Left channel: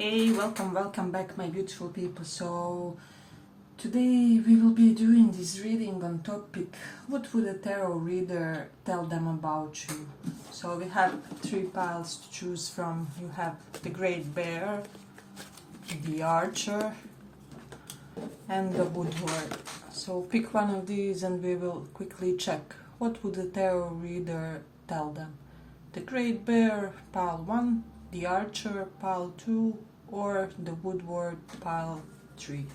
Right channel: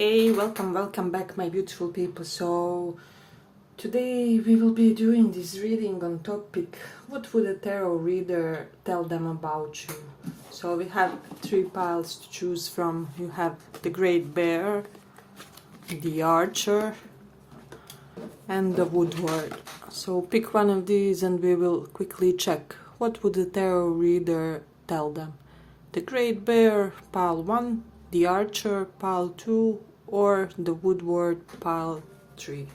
Hey, welcome back, my beautiful people. So today we will be doing this reading on topic, what would a tarot reader tell them about you? So we have three piles to choose from. You have the Great Bear, the Archer, and the Woodward. So pick one of these and we will quickly check what would a tarot reader tell them. The Great Bear, pile 1, the Archer, pile 2, or the Woodward, pile 3.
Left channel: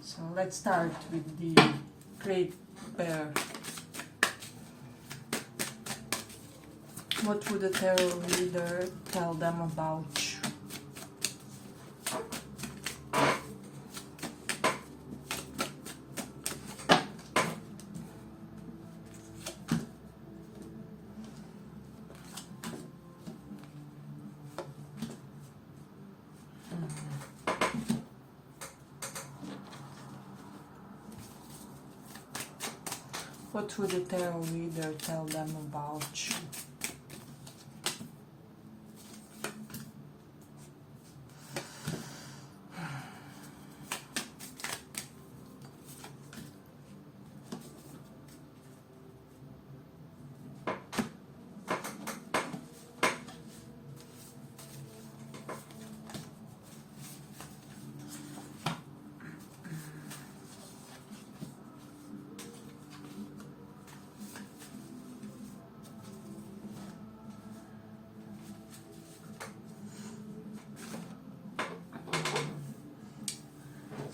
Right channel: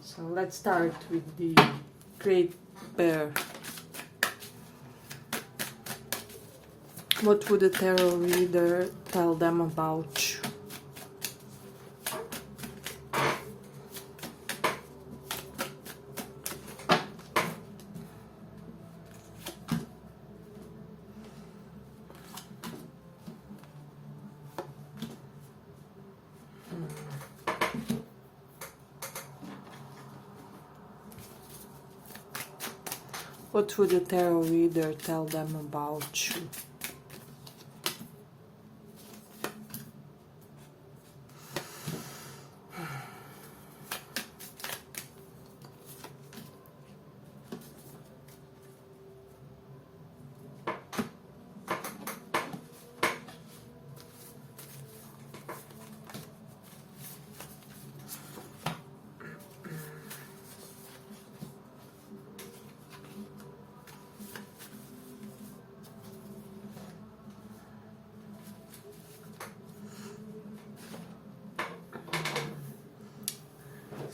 So let's start with the Great Bear. What would a tarot reader tell them about you? What would a tarot reader tell them about you?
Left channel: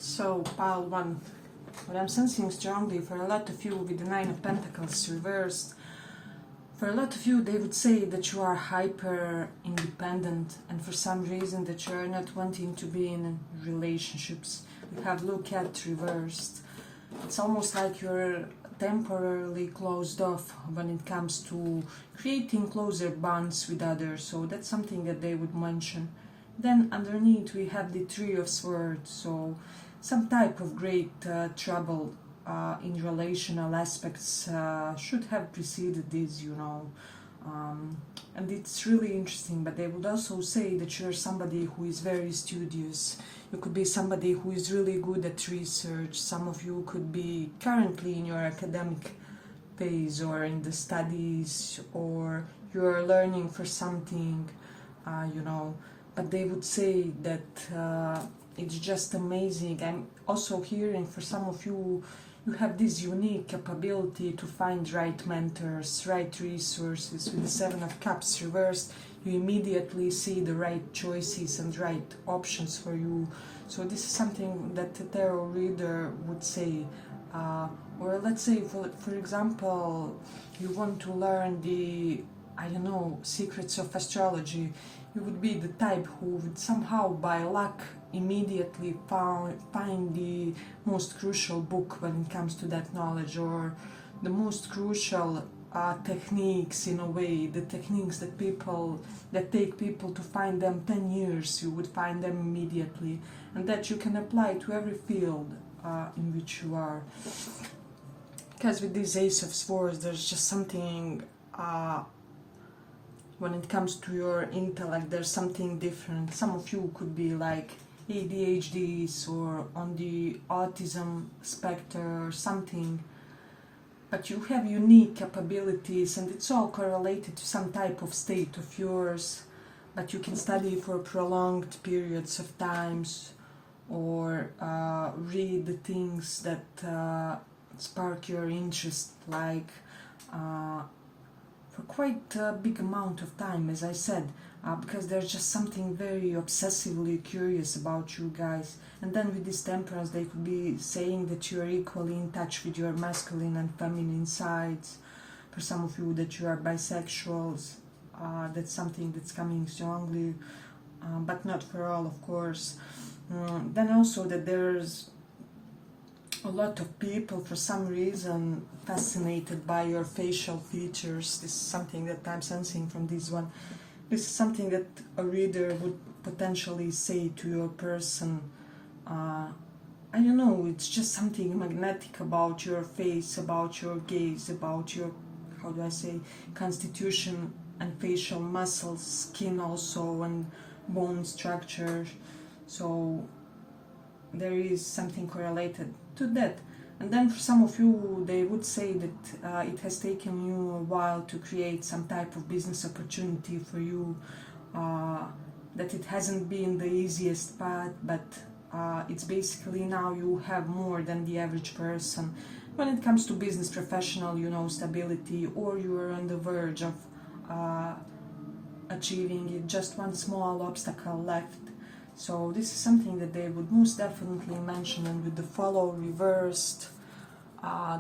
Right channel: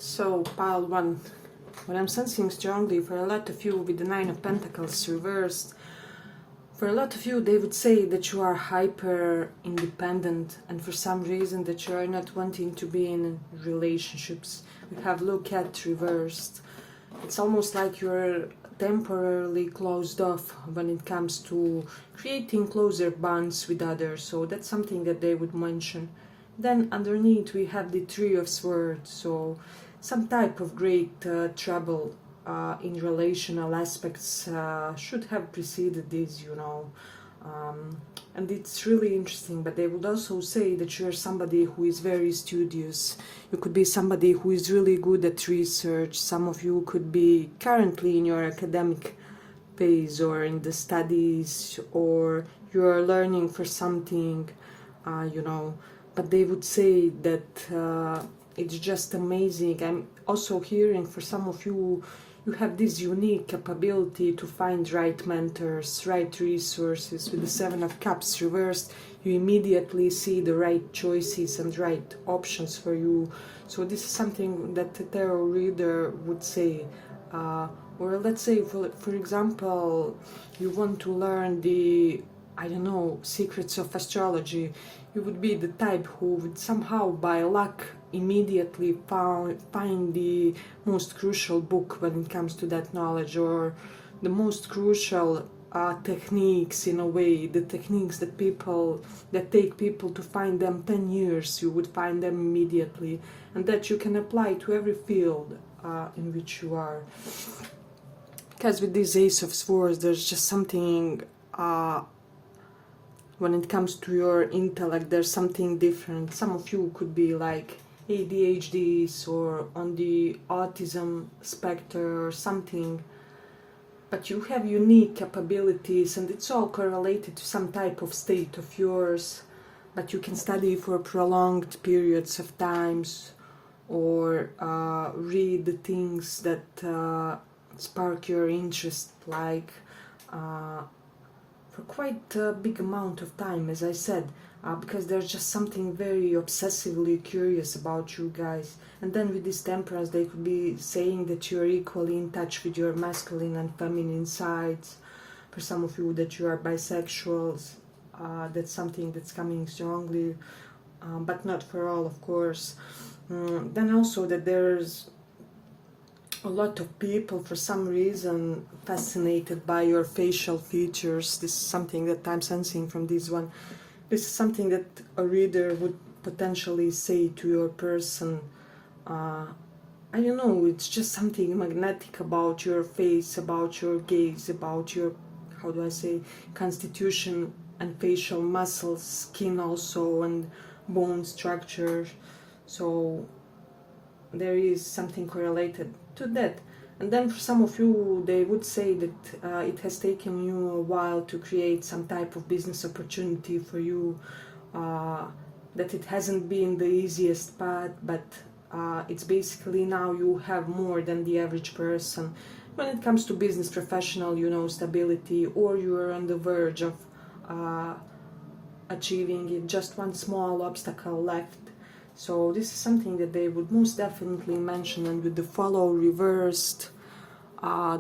So, pile 1. What I'm sensing strongly for a lot of you with the Nine of Pentacles reversed, for a lot of you they would say that you are hyper independent and for some reason that you are not wanting to be in relationships. We have look at reversed. It's almost like you're temporarily closed off when it comes to creating closer bonds with others. So that's something that they would mention. Then underneath we have the Three of Swords. So some type of great trouble in relational aspects should have preceded this, and it's really interesting. But they would also say that you're somebody who is very studious. You could be somebody who is really good at research. Some of you could be currently in your academic phase or in the studies, or you're learning for something, but they would say that it's just amazing. I'm also hearing for some of you, you have this unique capability to find right mentors, right resources. With the Seven of Cups reversed, you immediately see the right choices and right options for you. So this is something that the tarot reader would say. Or let's say, for example, you want to learn the, secrets of astrology. You would be the type who would somehow, by luck, immediately find the most crucial book when it comes to that knowledge, or the most crucial techniques, in a way, the techniques that take people to find them 10 years, you would find them immediately, and that you can apply to every field in which you are. Because with this Ace of Swords, there's just something, when it comes to your intellect, there's something different. Some of you could be like ADHDs or on the autism spectrum or something, but you have unique capabilities and it's all correlated to some type of state of yours, but you can study for prolonged periods of times, or read the things that spark your interest, like for quite a big amount of time, as I said, because there's just something very obsessively curious about you guys. And then with this Temperance, they could be saying that you're equally in touch with your masculine and feminine sides. For some of you, that you are bisexuals, that's something that's coming strongly, but not for all, of course. Then also that there's a lot of people, for some reason, fascinated by your facial features. This is something that I'm sensing from this one. This is something that a reader would potentially say to your person. It's just something magnetic about your face, about your gaze, about your, constitution and facial muscles, skin also, and bone structure. So there is something correlated to that. And then for some of you, they would say that it has taken you a while to create some type of business opportunity for you, that it hasn't been the easiest path, but it's basically now you have more than the average person when it comes to business professional, stability, or you are on the verge of achieving it, just one small obstacle left. So this is something that they would most definitely mention. And with the follow reversed,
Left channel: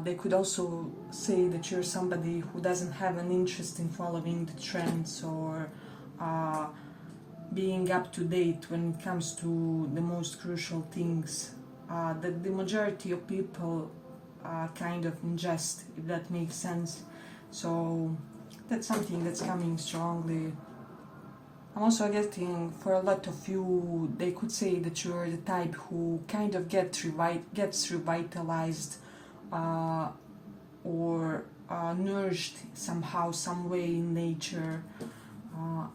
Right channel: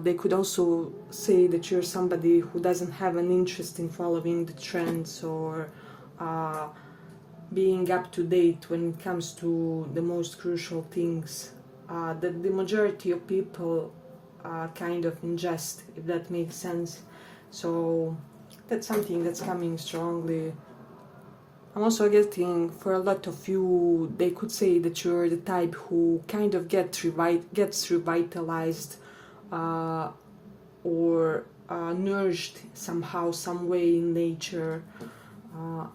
they could also say that you're somebody who doesn't have an interest in following the trends or being up to date when it comes to the most crucial things that the majority of people kind of ingest, if that makes sense. So that's something that's coming strongly. I'm also getting, for a lot of you, they could say that you're the type who kind of gets revitalized or nourished somehow, some way in nature.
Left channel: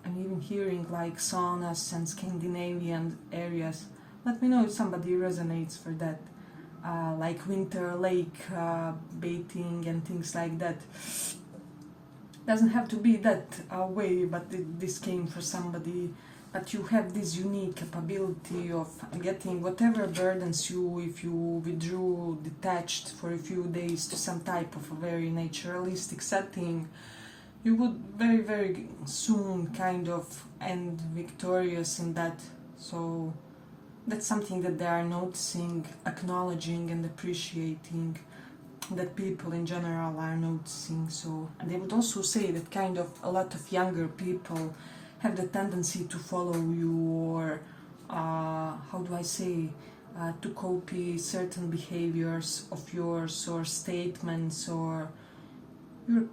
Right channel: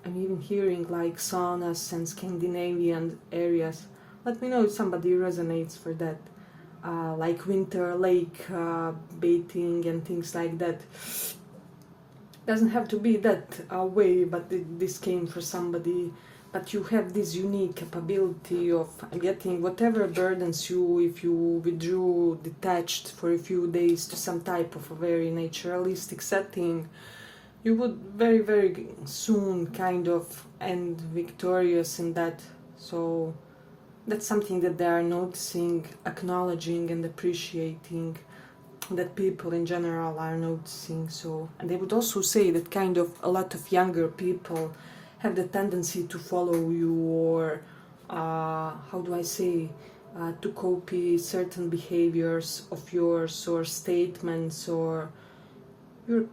I'm even hearing like saunas and Scandinavian areas. Let me know if somebody resonates for that. Like winter lake bathing and things like that. Doesn't have to be that way, but this came for somebody. But you have this unique capability of getting whatever burdens you, if you withdrew detached for a few days to some type of a very naturalistic setting, you would very, very soon kind of end victorious in that. So that's something that they are noticing, acknowledging and appreciating, that people in general are noticing. So, and they would also say that kind of a lot of younger people have the tendency to follow you, or to copy certain behaviors of yours or statements, or you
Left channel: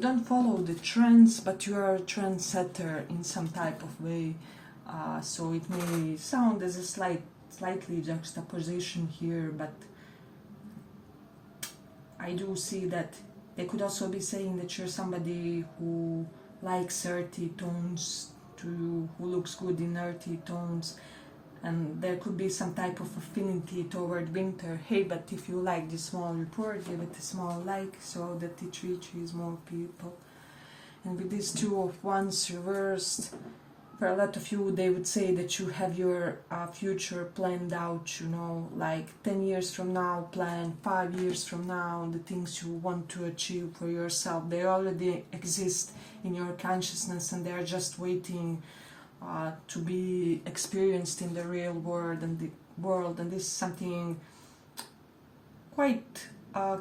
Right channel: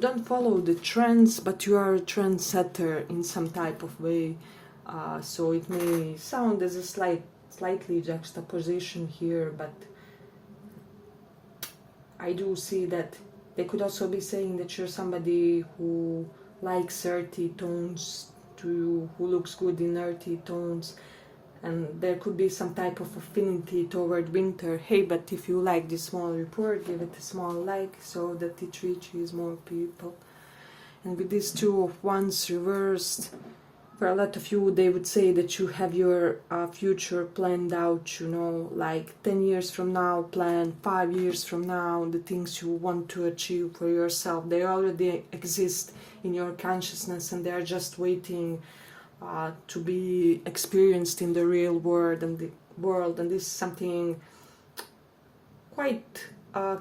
don't follow the trends, but you are a trendsetter in some type of way. So it may sound as a slightly juxtaposition here, but I do see that they could also be saying that you're somebody who likes earthy tones, who looks good in earthy tones, and there could be some type of affinity toward winter. Hey, but if you like this small report, give it a small like so that it reaches more people. And with these 2 of Wands reversed, for a lot of you, they would say that you have your future planned out, like 10 years from now, plan 5 years from now, the things you want to achieve for yourself. They already exist in your consciousness, and they are just waiting to be experienced in the real world. And this is something quite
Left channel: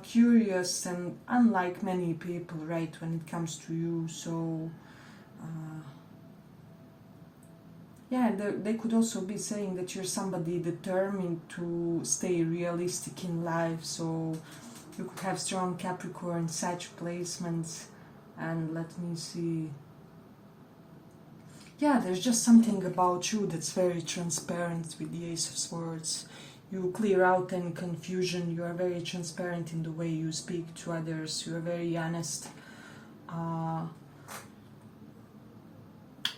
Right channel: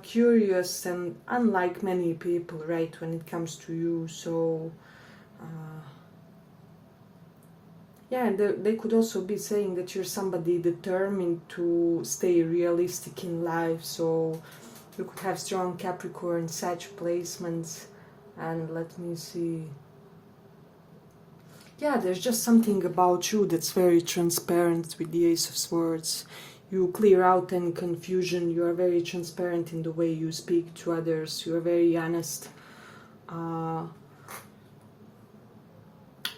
curious and unlike many people, right, when it comes to you. So they could also be saying that you're somebody determined to stay realistic in life. So you could have strong Capricorn, Sag placements. And let me see. Yeah, there's just something about you that's very transparent with the Ace of Swords. You clear out any confusion. You are very transparent in the way you speak to others. You are very honest.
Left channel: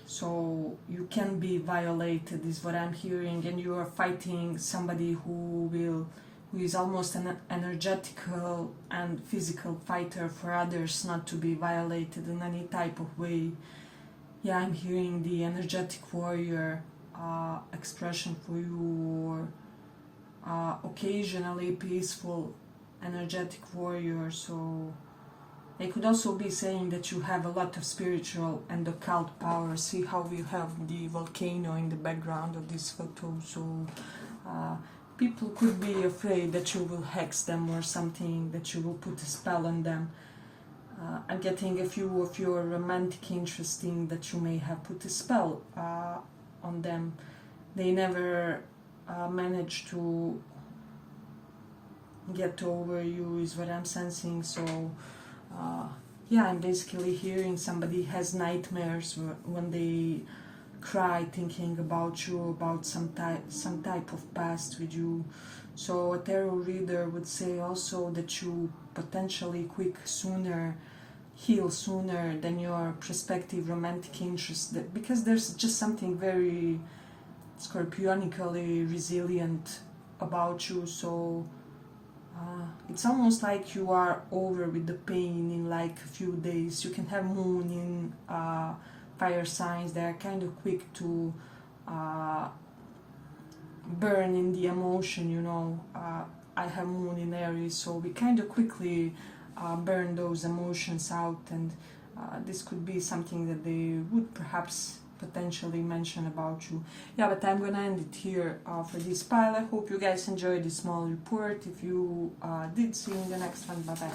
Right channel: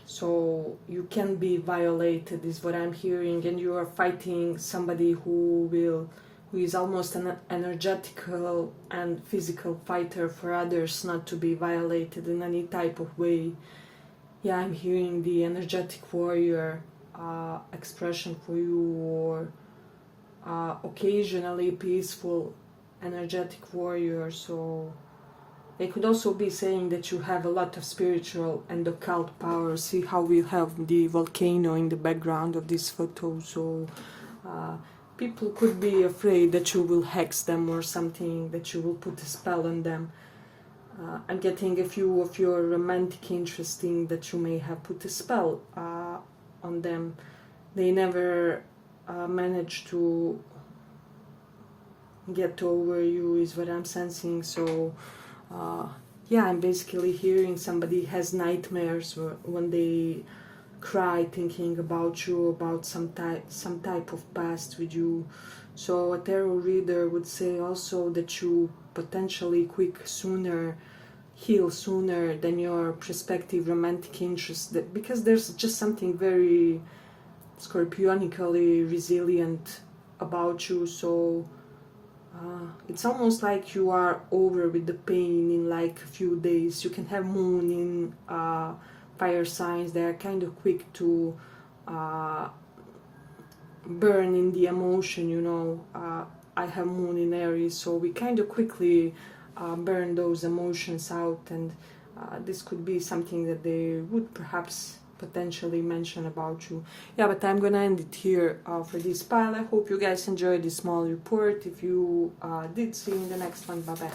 So you can be violated, is what I'm hearing, and you are fighting somebody who is almost an energetical and physical fighter for others not to be violated in any type of way. Yeah, I'm hearing the energetic warrior expression for you, or occasionally peaceful energetic warrior. So they could also be saying that you have a lot of spiritual and occult power. See how we have the volcano in the background of this photo. So people could be afraid that you will hex them or something, that you will put a spell on them. I'm getting a few of your romantic interesting that you may have put a spell on them. They never manage to get over you, is what I'm sensing. So I'm basically hearing somebody has nightmares when they cry thinking about you, about some type of past with you. So a tarot reader would say also that you potentially sooner heal sooner than your prospective romantic interest, because there's just something very scorpionically resilient about you. So it's almost like you are over with the pain in like a few days. You can have moon in fire signs. They are kind of quick to burn in the emotion, you know. I have moon in Aries, so we kind of quickly burn those emotions out, and this could be something that they would perhaps potentially mention about you. Yeah, but I'm gonna end it here for this pile. I hope you guys enjoyed this small report. If you did, see you in the next one. Bye bye.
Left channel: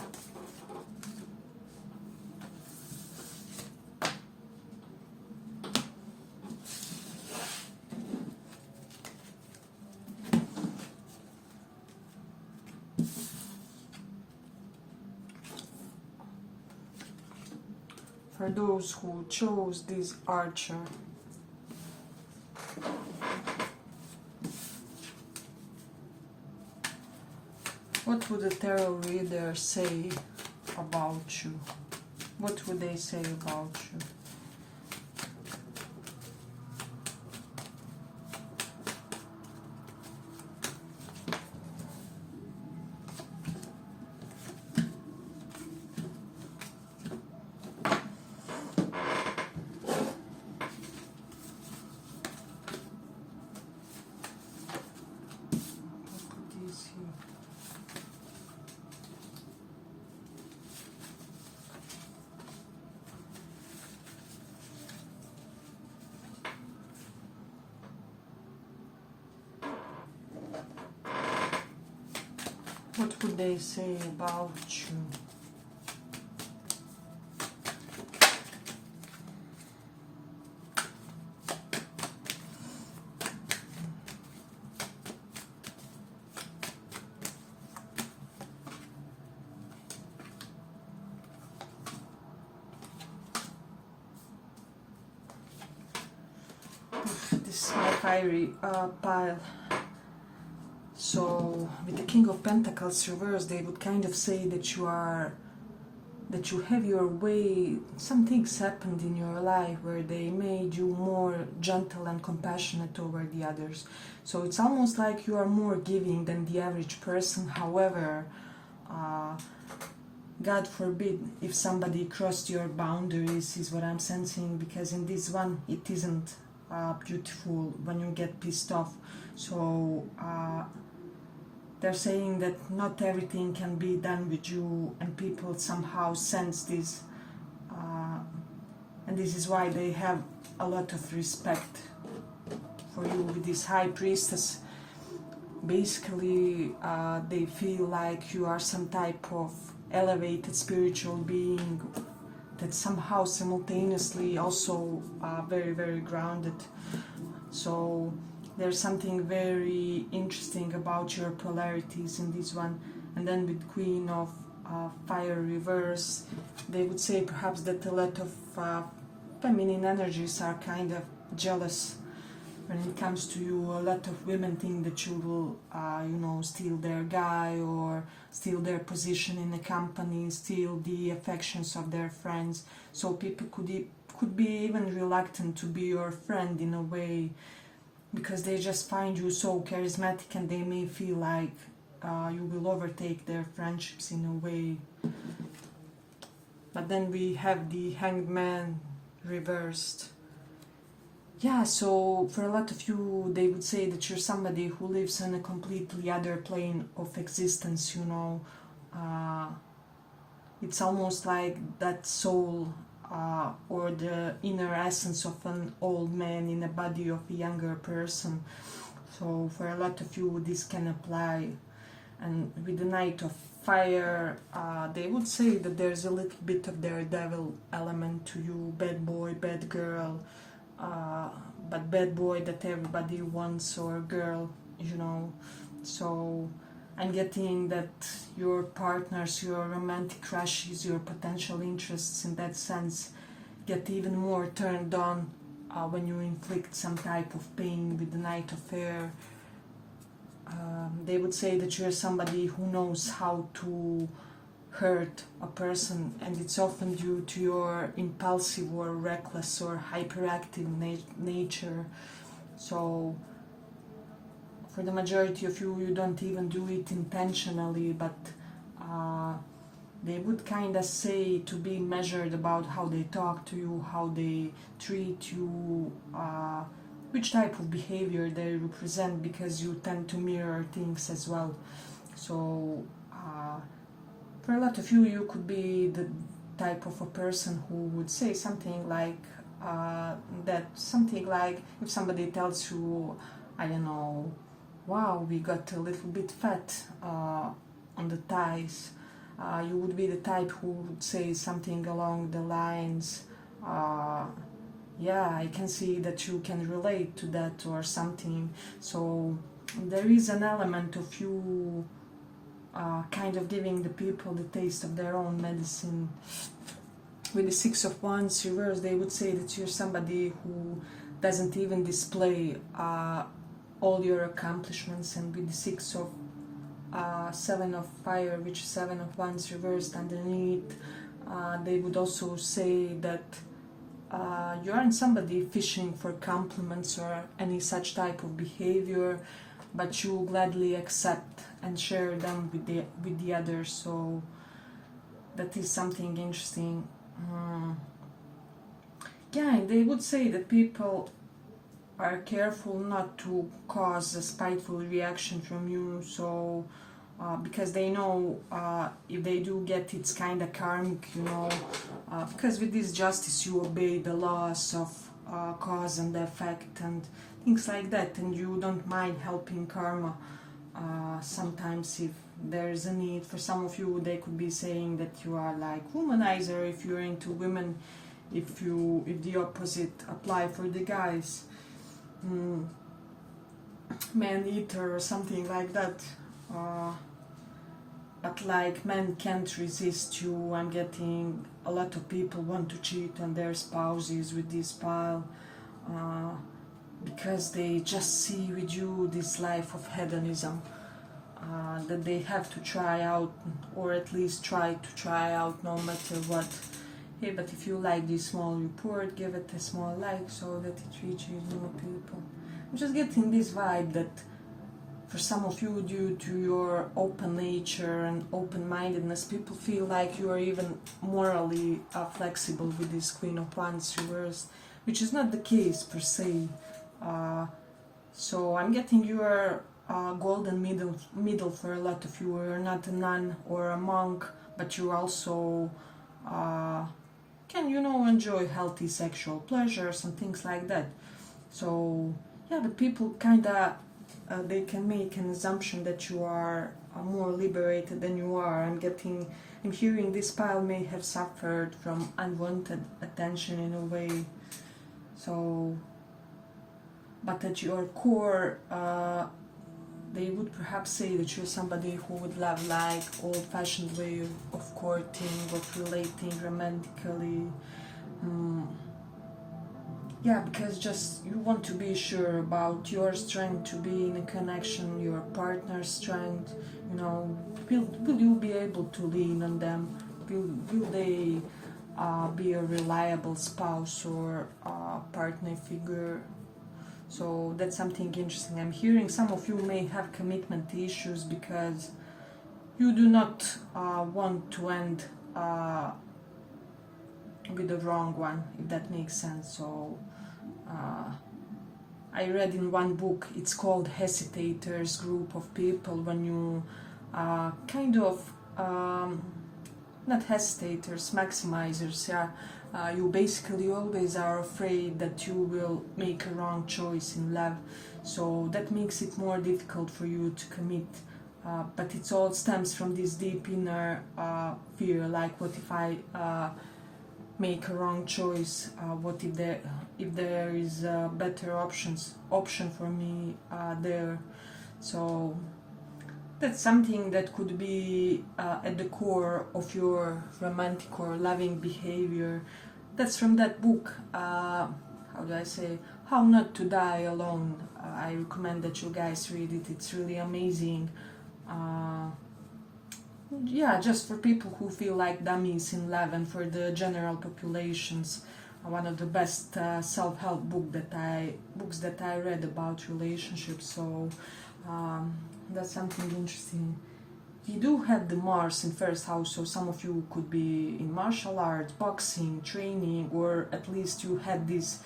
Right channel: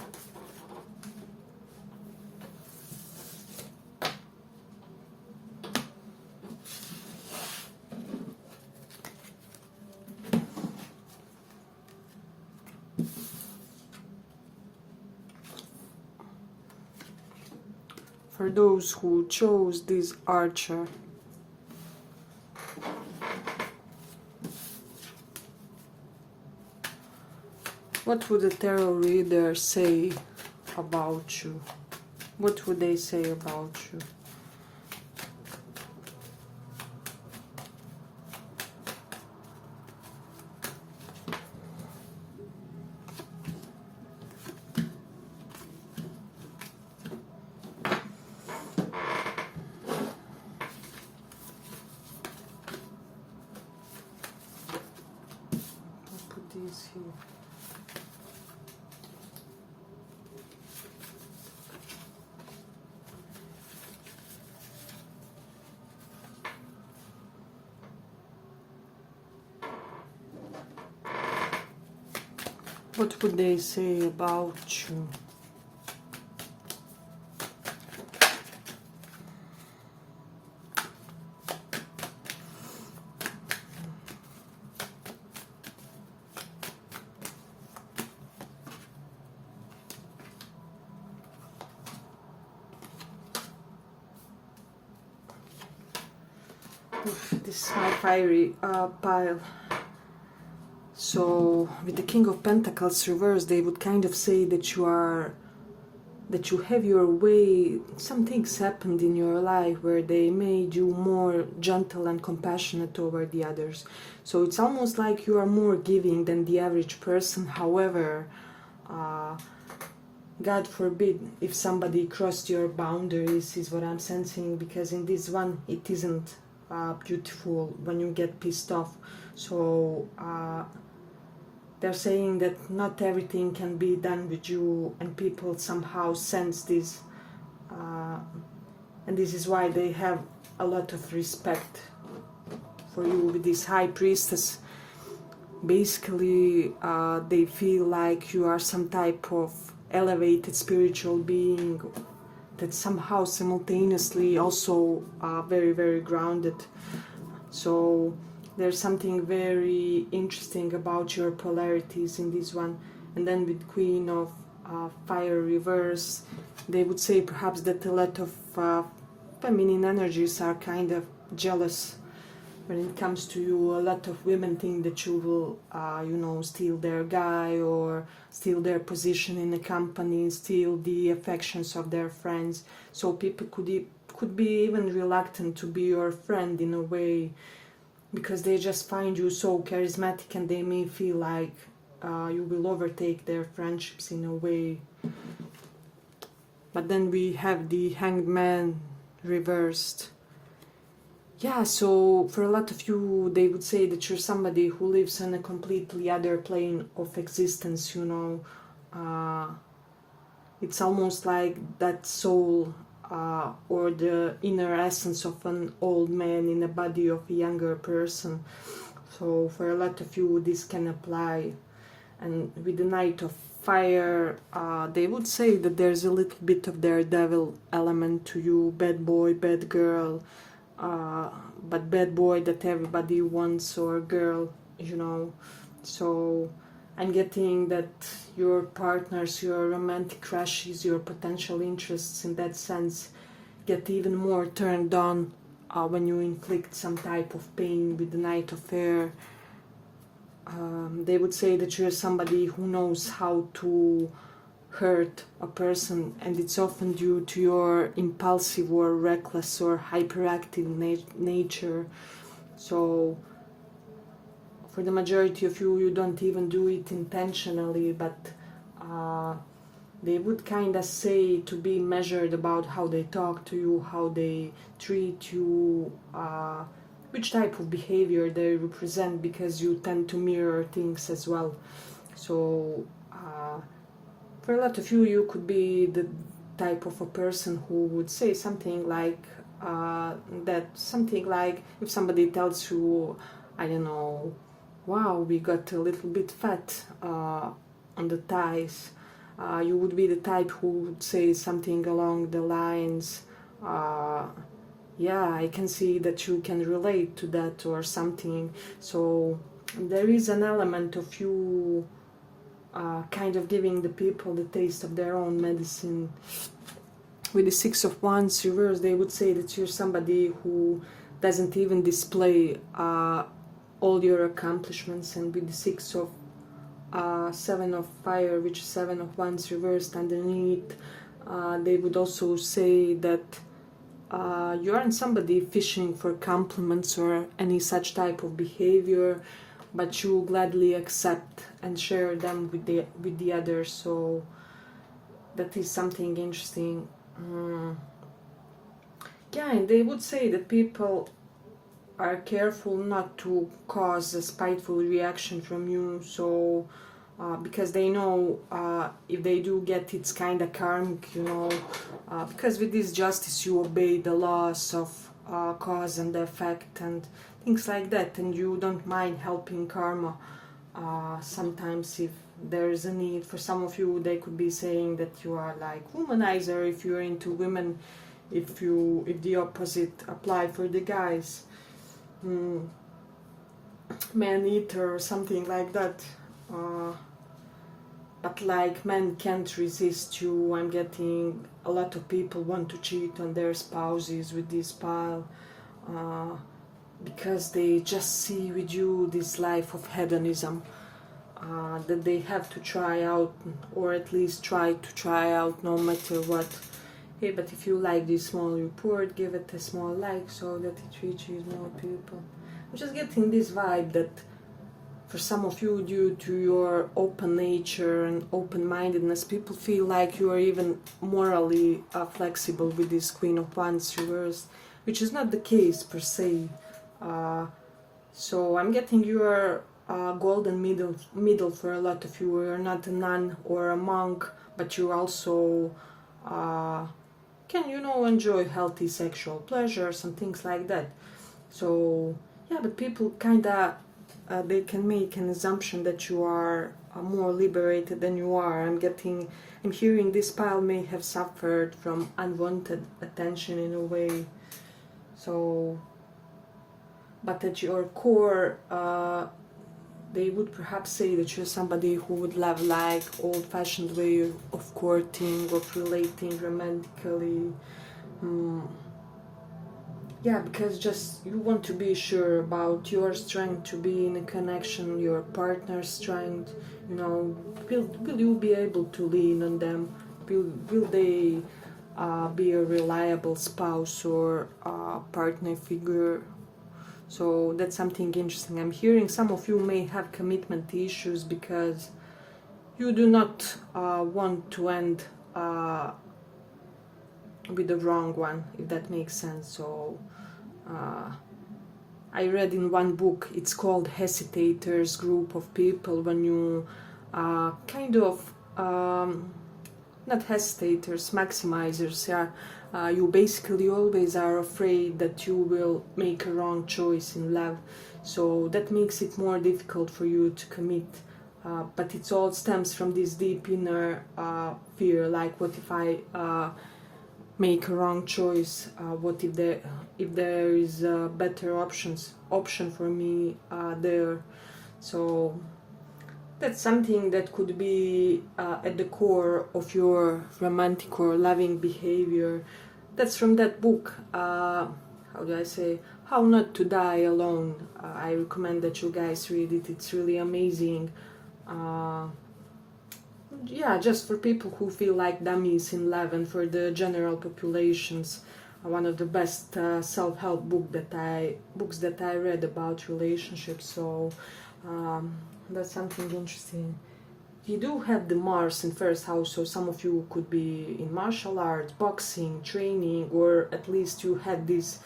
For those who chose this Archer, what would the tarot reader say about you? What would they say about you? Here. What would they say about you? This is my fiery pile. So with the King of Pentacles reversed, they would kind of say that you have your way. Some things happened in your life where they made you more gentle and compassionate toward the others. So it's almost like you are more giving than the average person. However, God forbid if somebody crossed your boundaries, is what I'm sensing, because in this one it isn't beautiful when you get pissed off. So they're saying that not everything can be done with you, and people somehow sense this, and this is why they have a lot of respect for you with this High Priestess. Basically, they feel like you are some type of elevated spiritual being that somehow simultaneously also very, very grounded. So there's something very interesting about your polarities in this one. And then with Queen of Fire reverse, they would say perhaps that a lot of feminine energies are kind of jealous when it comes to you. A lot of women think that you will, steal their guy, or steal their position in the company, steal the affections of their friends. So people could be even reluctant to be your friend in a way, because they just find you so charismatic, and they may feel like you will overtake their friendships in a way. But then we have the Hanged Man reversed. Yeah, so for a lot of you, they would say that you're somebody who lives on a completely other plane of existence, It's almost like that soul or the inner essence of an old man in the body of a younger person. So for a lot of you, this can apply. And with the Knight of Fire, they would say that there's a little bit of daredevil element to you, bad boy, bad girl, but bad boy that everybody wants, or girl, So I'm getting that your partners, your romantic crushes, your potential interests in that sense get even more turned on when you inflict some type of pain with the Knight of Fire. They would say that you're somebody who knows how to hurt a person, and it's often due to your impulsive or reckless or hyperactive nature. So for the majority of you, you don't even do it intentionally, but they would kind of say to be measured about how they talk to you, how they treat you, which type of behavior they represent, because you tend to mirror things as well. So for a lot of you, you could be the type of a person who would say something like if somebody tells you, I don't know, wow, we got a little bit fat on the thighs, you would be the type who would say something along the lines, yeah, I can see that you can relate to that, or something. So there is an element of you kind of giving the people the taste of their own medicine. With the Six of Wands reverse, they would say that you're somebody who doesn't even display all your accomplishments. And with the Seven of Fire, which is Seven of Wands reversed underneath, they would also say that you aren't somebody fishing for compliments or any such type of behavior, but you gladly accept and share them with the others. So that is something interesting. Yeah, and they would say that people are careful not to cause a spiteful reaction from you, so because they know if they do get, it's kind of karmic, because with this justice you obey the laws of cause and effect and things like that, and you don't mind helping karma sometimes if there is a need. For some of you, they could be saying that you are like womanizer if you're into women, if the opposite apply for the guys, man eater or something like that. But like men can't resist you. I'm getting a lot of people want to cheat on their spouses with this pile, because they just see with you this life of hedonism that they have to try out, or at least try to try out no matter what. Hey, but if you like this small report, give it a small like so that it reaches more people. I'm just getting this vibe that for some of you, due to your open nature and open-mindedness, people feel like you are even morally flexible with this Queen of Wands reversed, which is not the case per se. So I'm getting your golden middle for a lot of you. You're not a nun or a monk, but you also can, enjoy healthy sexual pleasures and things like that. So yeah, but people kind of they can make an assumption that you are more liberated than you are. I'm hearing this pile may have suffered from unwanted attention in a way. So, but at your core, they would perhaps say that you're somebody who would love like old-fashioned way of courting, of relating romantically. Yeah, because just you want to be sure about your strength to be in a connection, your partner's strength, will you be able to lean on them? Will they be a reliable spouse or partner figure? So that's something interesting. I'm hearing some of you may have commitment issues because you do not want to end with the wrong one, if that makes sense. So I read in one book, it's called Hesitators, group of people, when you not hesitators, maximizers, you basically always are afraid that you will make a wrong choice in love, so that makes it more difficult for you to commit, but it all stems from this deep inner fear, like what if I make a wrong choice, what if there is a better option for me there. So that's something that could be at the core of your romantic or loving behavior. That's from that book, How Not to Die Alone. I recommend that you guys read it. It's really amazing. yeah, just for people who feel like dummies in love and for the general populations. One of the best self-help books that I read about relationships. So that's something interesting. You do have the Mars in first house, so some of you could be in martial arts, boxing, training, or at least you had this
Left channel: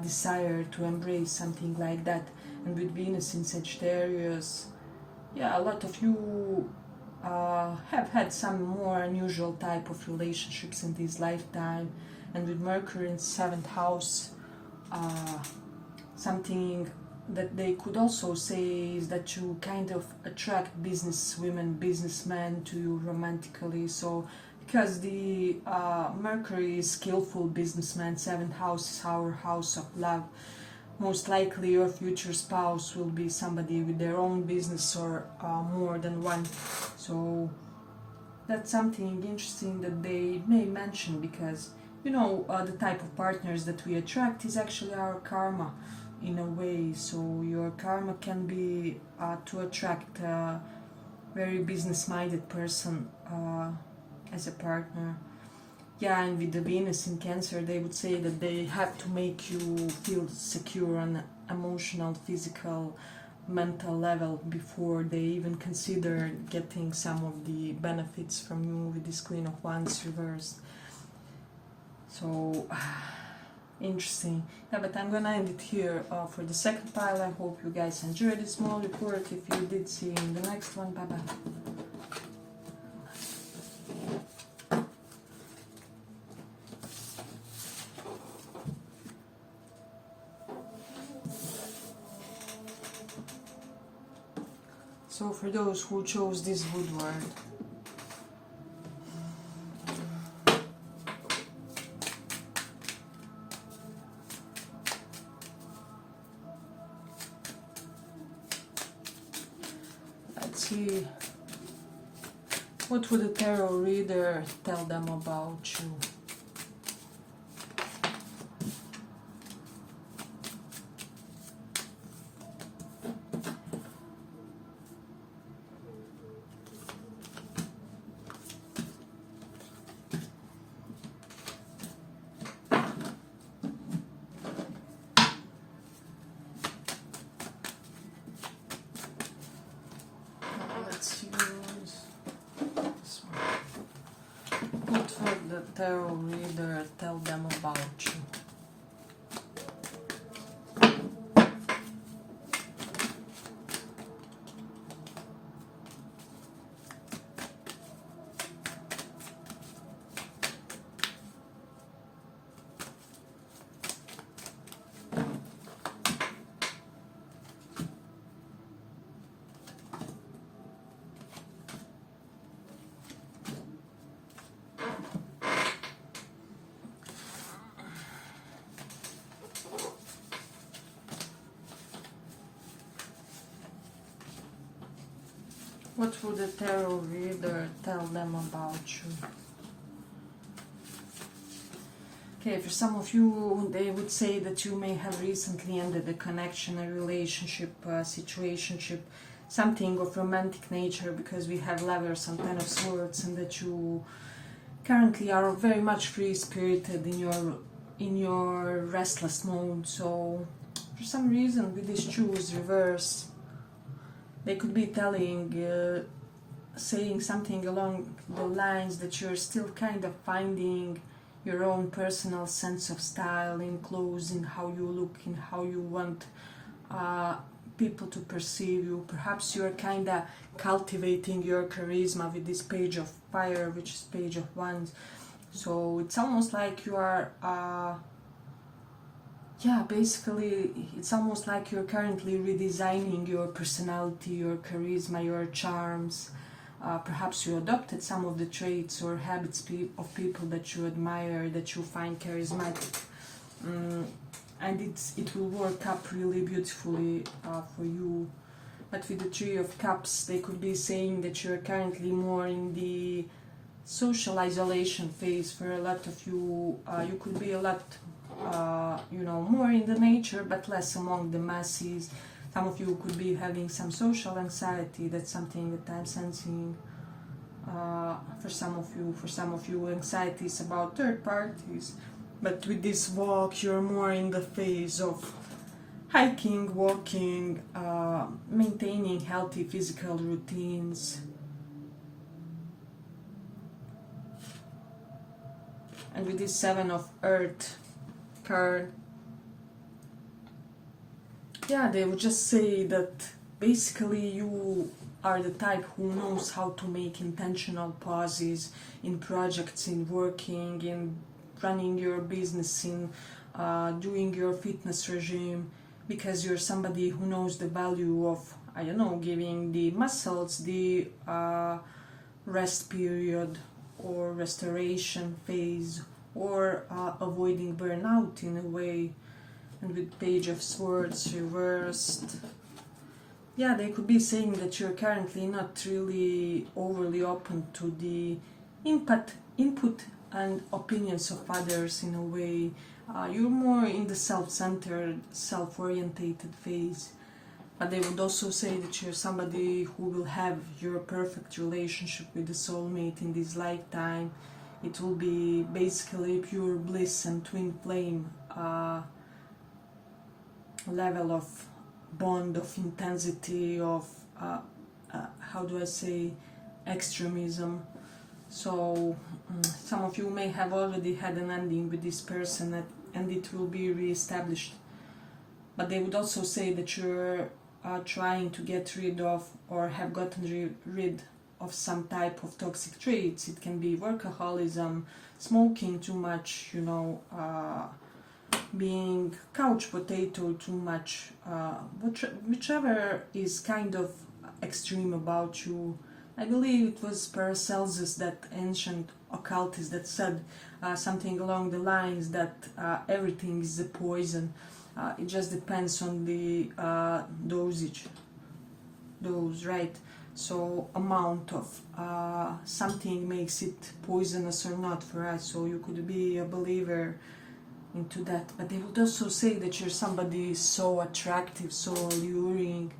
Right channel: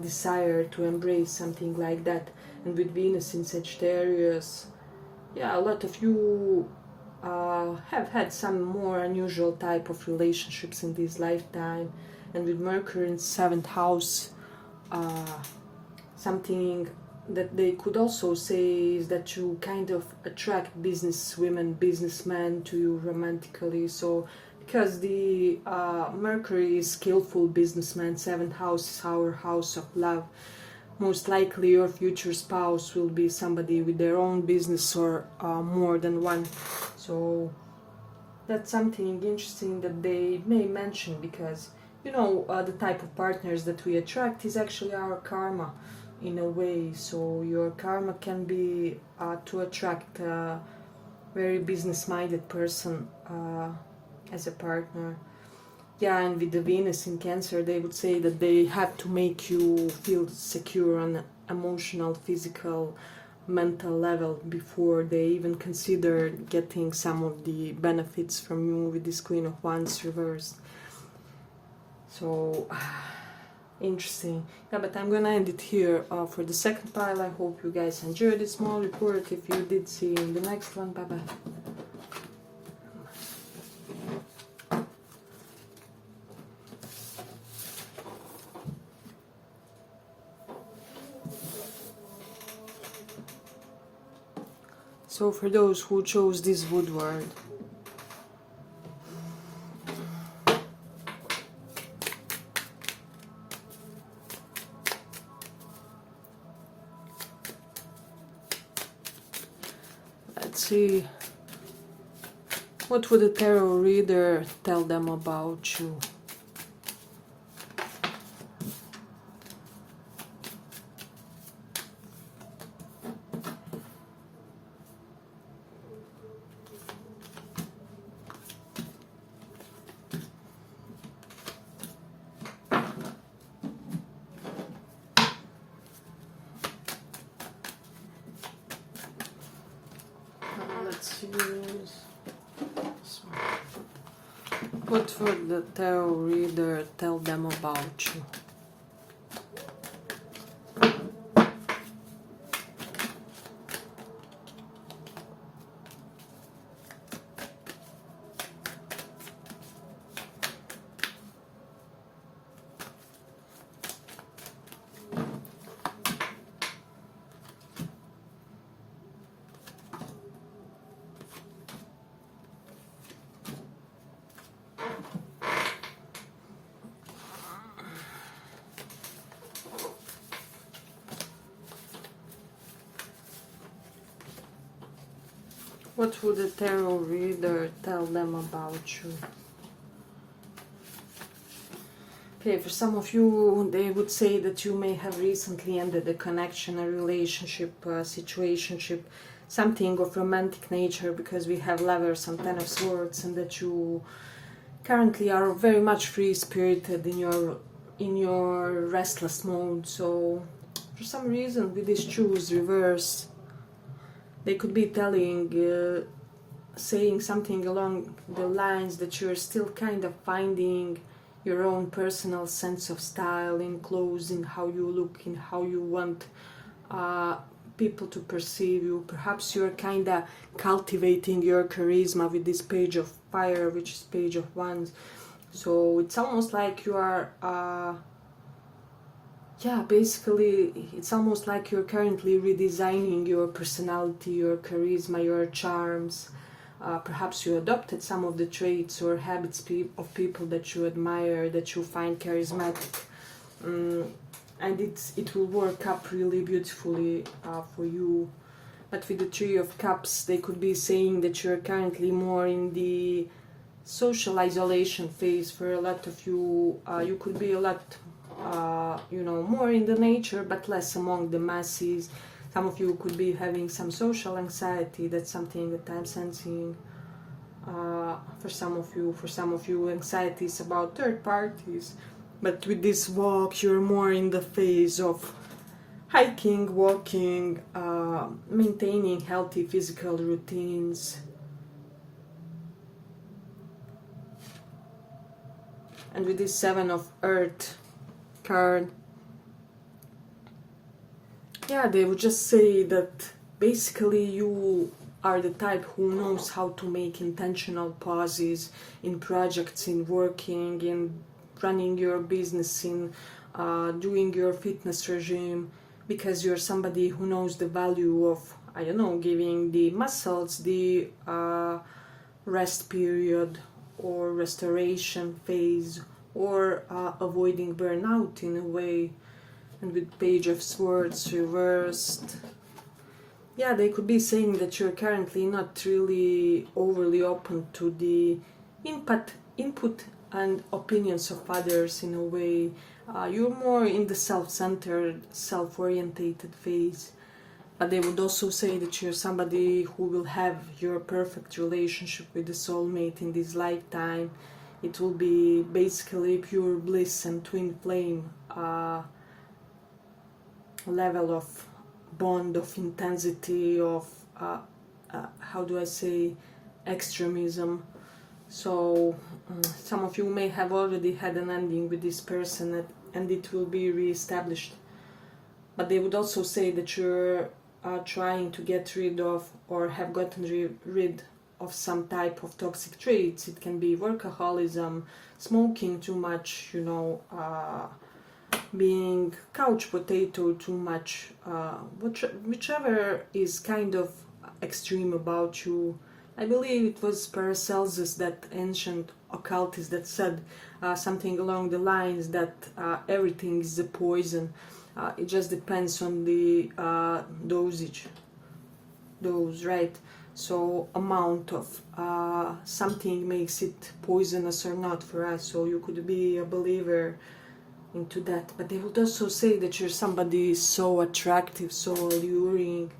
desire to embrace something like that. And with Venus in Sagittarius, yeah, a lot of you have had some more unusual type of relationships in this lifetime. And with Mercury in 7th house, something that they could also say is that you kind of attract business women, businessmen to you romantically. So because the Mercury is skillful businessman, 7th house is our house of love. Most likely your future spouse will be somebody with their own business or more than one. So that's something interesting that they may mention, because you know, the type of partners that we attract is actually our karma in a way. So your karma can be to attract a very business-minded person as a partner. Yeah, and with the Venus in Cancer, they would say that they have to make you feel secure on emotional, physical, mental level before they even consider getting some of the benefits from you, with this Queen of Wands reversed. So interesting. Yeah, but I'm gonna end it here for the second pile. I hope you guys enjoyed this small report. If you did, see you in the next one. Bye bye. So for those who chose this Woodward, let's see, what would a tarot reader tell them about you? What would the tarot reader tell them about you? What would a tarot reader tell them about you? Okay, for some of you, they would say that you may have recently ended a connection, a relationship, a situationship, something of romantic nature, because we have Lovers and Ten of Swords, and that you currently are very much free-spirited in your restless mode. So for some reason, with this choose reverse, they could be saying something along the lines that you're still kind of finding your own personal sense of style in clothes, in how you look, in how you want people to perceive you. Perhaps you're kind of cultivating your charisma with this Page of Fire, which is Page of Wands. So it's almost like you are... basically, it's almost like you're currently redesigning your personality, your charisma, your charms. Perhaps you adopted some of the traits or habits of people that you admire, that you find charismatic. And it will work up really beautifully for you. But with the Three of Cups, they could be saying that you're currently more in the social isolation phase. For a lot of you, you could be a lot... more in the nature, but less among the masses. Some of you could be having some social anxiety. That's something that I'm sensing. for some of you, anxiety is about third parties. But with this walk, you're more in the phase of hiking, walking, maintaining healthy physical routines. And with this Seven of Earth card, yeah, they would just say that basically you are the type who knows how to make intentional pauses in projects, in working, in running your business, in doing your fitness regime, because you're somebody who knows the value of, I don't know, giving the muscles the rest period or restoration phase, or avoiding burnout in a way. And with Page of Swords reversed, yeah, they could be saying that you're currently not really overly open to the input and opinions of others in a way. You're more in the self-centered, self-orientated phase. But they would also say that you're somebody who will have your perfect relationship with the soulmate in this lifetime. It will be basically pure bliss and twin flame level of bond, of intensity, of how do I say, extremism. So some of you may have already had an ending with this person, and it will be re-established. But they would also say that you're trying to get rid of, or have gotten rid of, some type of toxic traits. It can be workaholism, smoking too much, being couch potato too much, whichever is kind of extreme about you. I believe it was Paracelsus, that ancient occultist, that said something along the lines that everything is a poison. It just depends on the dose, right? So amount of something makes it poisonous or not for us. So you could be a believer into that. But they would also say that you're somebody so attractive, so alluring,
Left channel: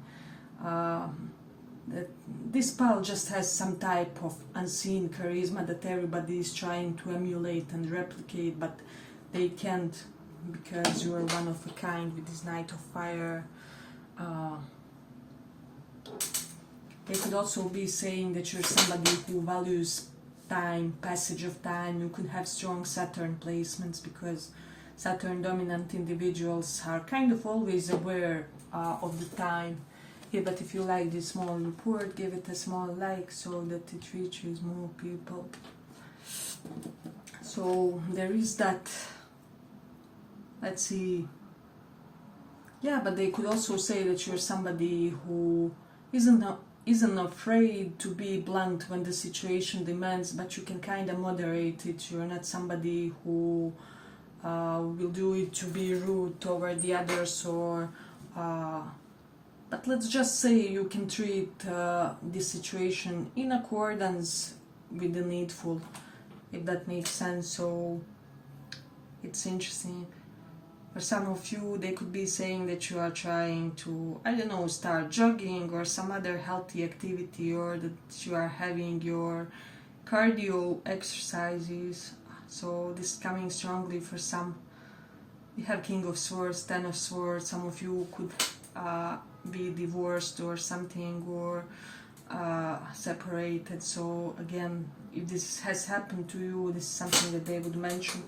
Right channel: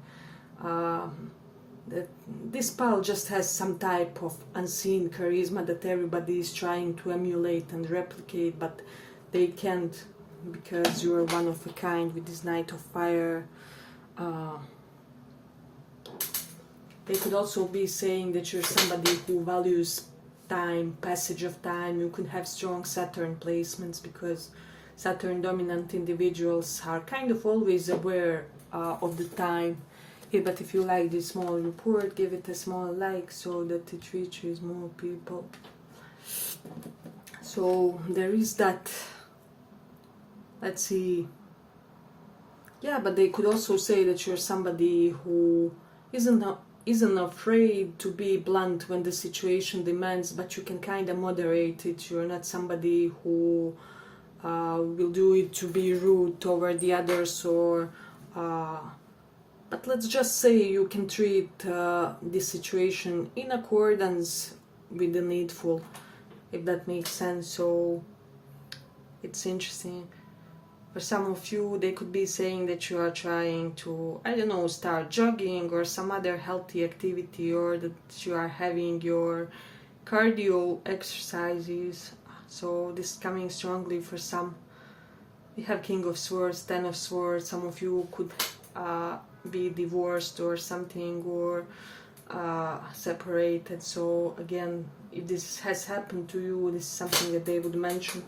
that this pal just has some type of unseen charisma that everybody is trying to emulate and replicate, but they can't, because you're one of a kind with this Knight of Fire. They could also be saying that you're somebody who values time, passage of time. You could have strong Saturn placements, because Saturn dominant individuals are kind of always aware of the time. Yeah, but if you like this small report, give it a small like so that it reaches more people. So there is that. Let's see. Yeah, but they could also say that you're somebody who isn't afraid to be blunt when the situation demands, but you can kind of moderate it. You're not somebody who will do it to be rude toward the others, or but let's just say you can treat this situation in accordance with the needful, if that makes sense. So it's interesting. For some of you, they could be saying that you are trying to, I don't know, start jogging or some other healthy activity, or that you are having your cardio exercises. So this is coming strongly for some. You have King of Swords, Ten of Swords. Some of you could be divorced or something, or separated. So again, if this has happened to you, this is something that they would mention.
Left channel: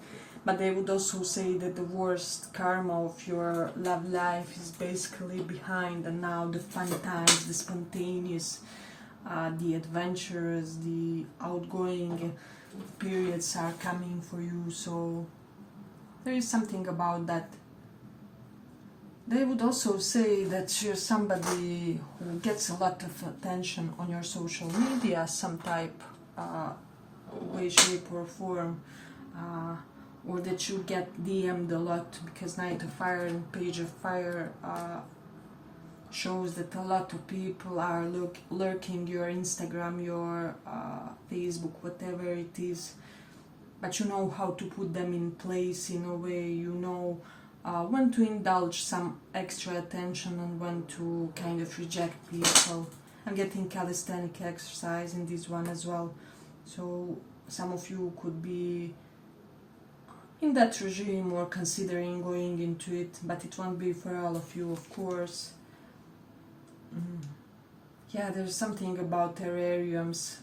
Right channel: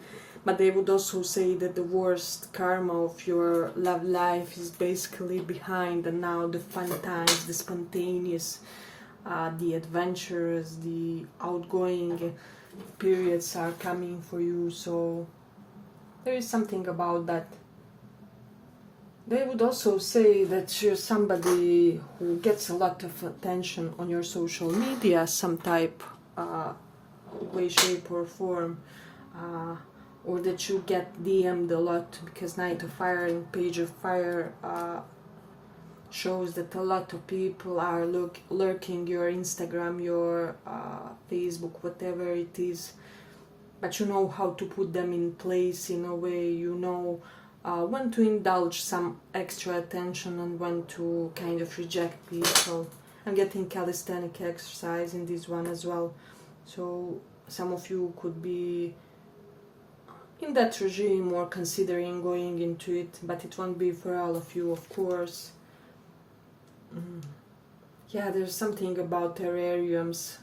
But they would also say that the worst karma of your love life is basically behind, and now the fun times, the spontaneous, the adventures, the outgoing periods are coming for you. So there is something about that. They would also say that you're somebody who gets a lot of attention on your social media, some type, way, shape or form, or that you get DM'd a lot, because Knight of Fire and Page of Fire shows that a lot of people are lurking your Instagram, your Facebook, whatever it is. But you know how to put them in place in a way. You know when to indulge some extra attention and when to kind of reject people. I'm getting calisthenic exercise in this one as well. So some of you could be in that regime or considering going into it, but it won't be for all of you, of course. Yeah, there's something about terrariums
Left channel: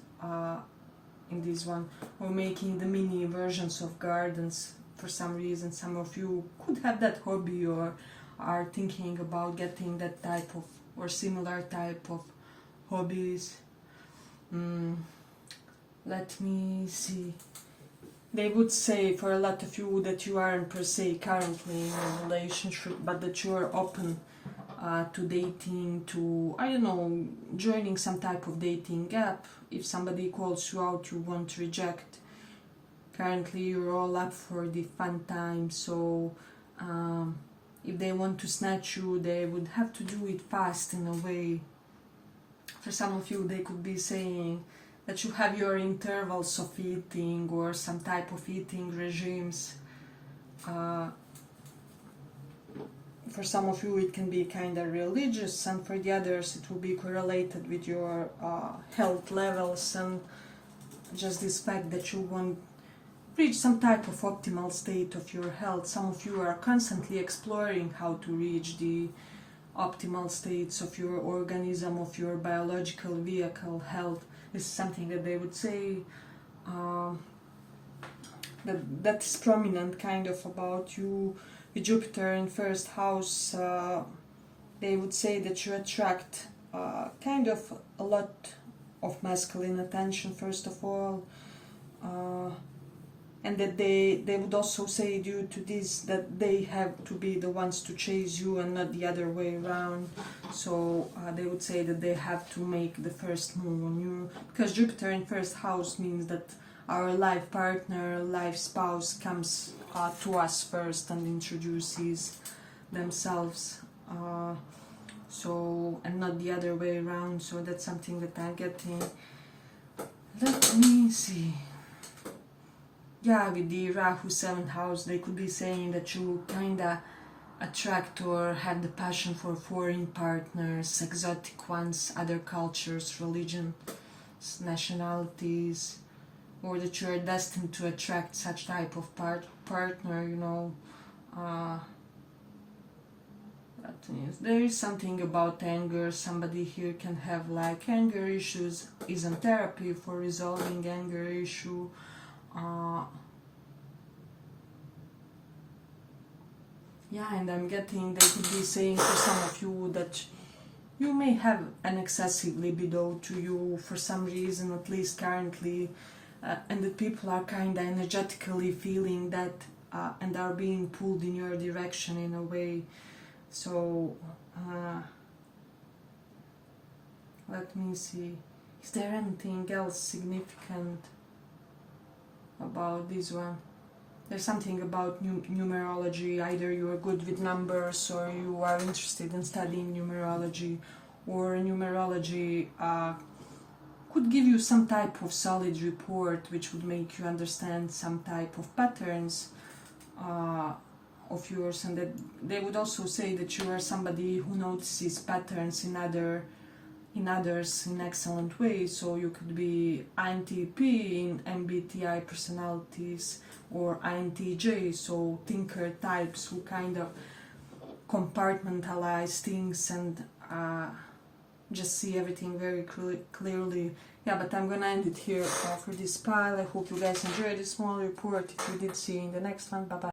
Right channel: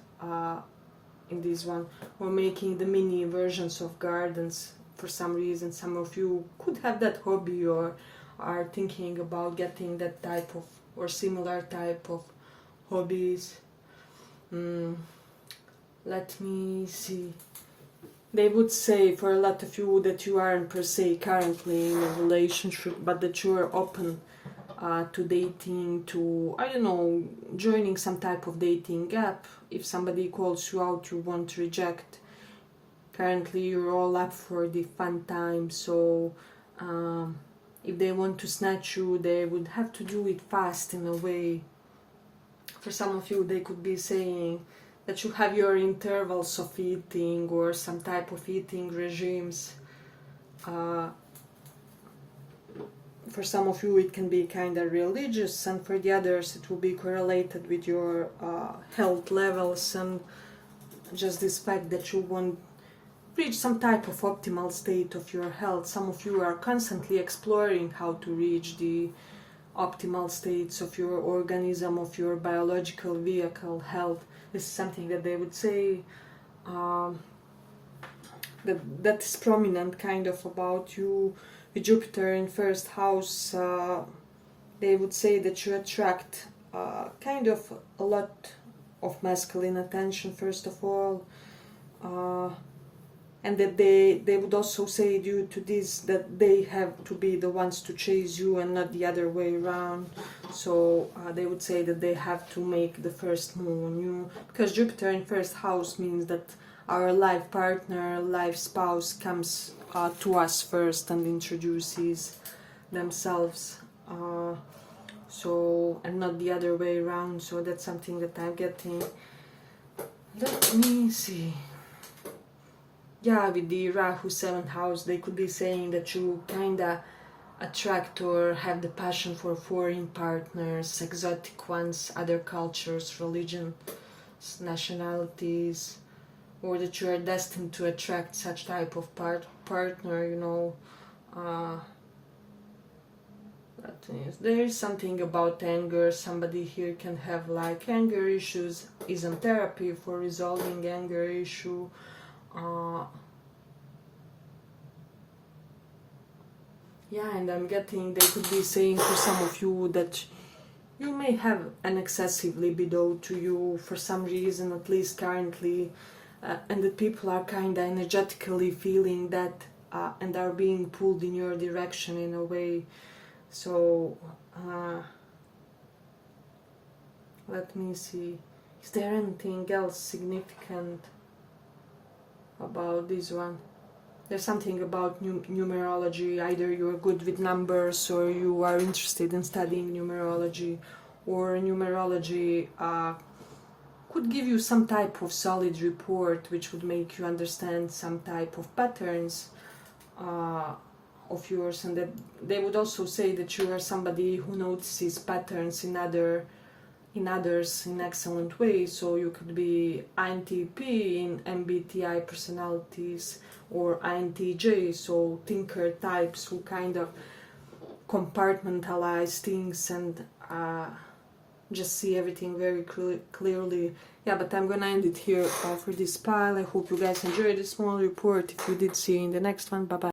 in this one, or making the mini versions of gardens. For some reason, some of you could have that hobby or are thinking about getting that type of or similar type of hobbies. Let me see. They would say for a lot of you that you aren't per se currently in a relationship, but that you are open to dating, to, I don't know, joining some type of dating app. If somebody calls you out, you won't reject. Currently you're all up for the fun time, so if they want to snatch you, they would have to do it fast in a way. For some of you, they could be saying that you have your intervals of eating or some type of eating regimes. For some of you, it can be kind of religious, and for the others, it will be correlated with your health levels and just this fact that you want reach some type of optimal state of your health. Some of you are constantly exploring how to reach the optimal states of your organism, of your biological vehicle health. This is something that they would say that is prominent kind of about you. With Jupiter in first house, they would say that you attract kind of a lot of masculine attention, first of all. And that they would also say, due to this, that they have to be the ones to chase you and not the other way around. So they would say that they have to make the first move on you, because Jupiter in first house means that our life partner, life spouse comes to us first and introduces themselves. So, and not the other way around. So that's something that I'm getting. Let me see. Yeah, with the Rahu 7th house, they could be saying that you kinda attract or have the passion for foreign partners, exotic ones, other cultures, religions, nationalities, or that you are destined to attract such type of partner, you know. There is something about anger. Somebody here can have like anger issues, is on therapy for resolving anger issue. Yeah, and I'm getting, they could be saying for some of you that you may have an excessive libido to you for some reason, at least currently, and that people are kind of energetically feeling that and are being pulled in your direction in a way. So let me see, is there anything else significant about this one? There's something about numerology. Either you are good with numbers, or you are interested in studying numerology, or numerology could give you some type of solid report which would make you understand some type of patterns of yours, and that they would also say that you are somebody who notices patterns in others in excellent ways. So you could be INTP in MBTI personalities, or INTJ, so thinker types who kind of compartmentalize things and just see everything very clearly. Yeah, but I'm gonna end it here for this pile. I hope you guys enjoyed this small report. If you did, see you in the next one. Bye bye.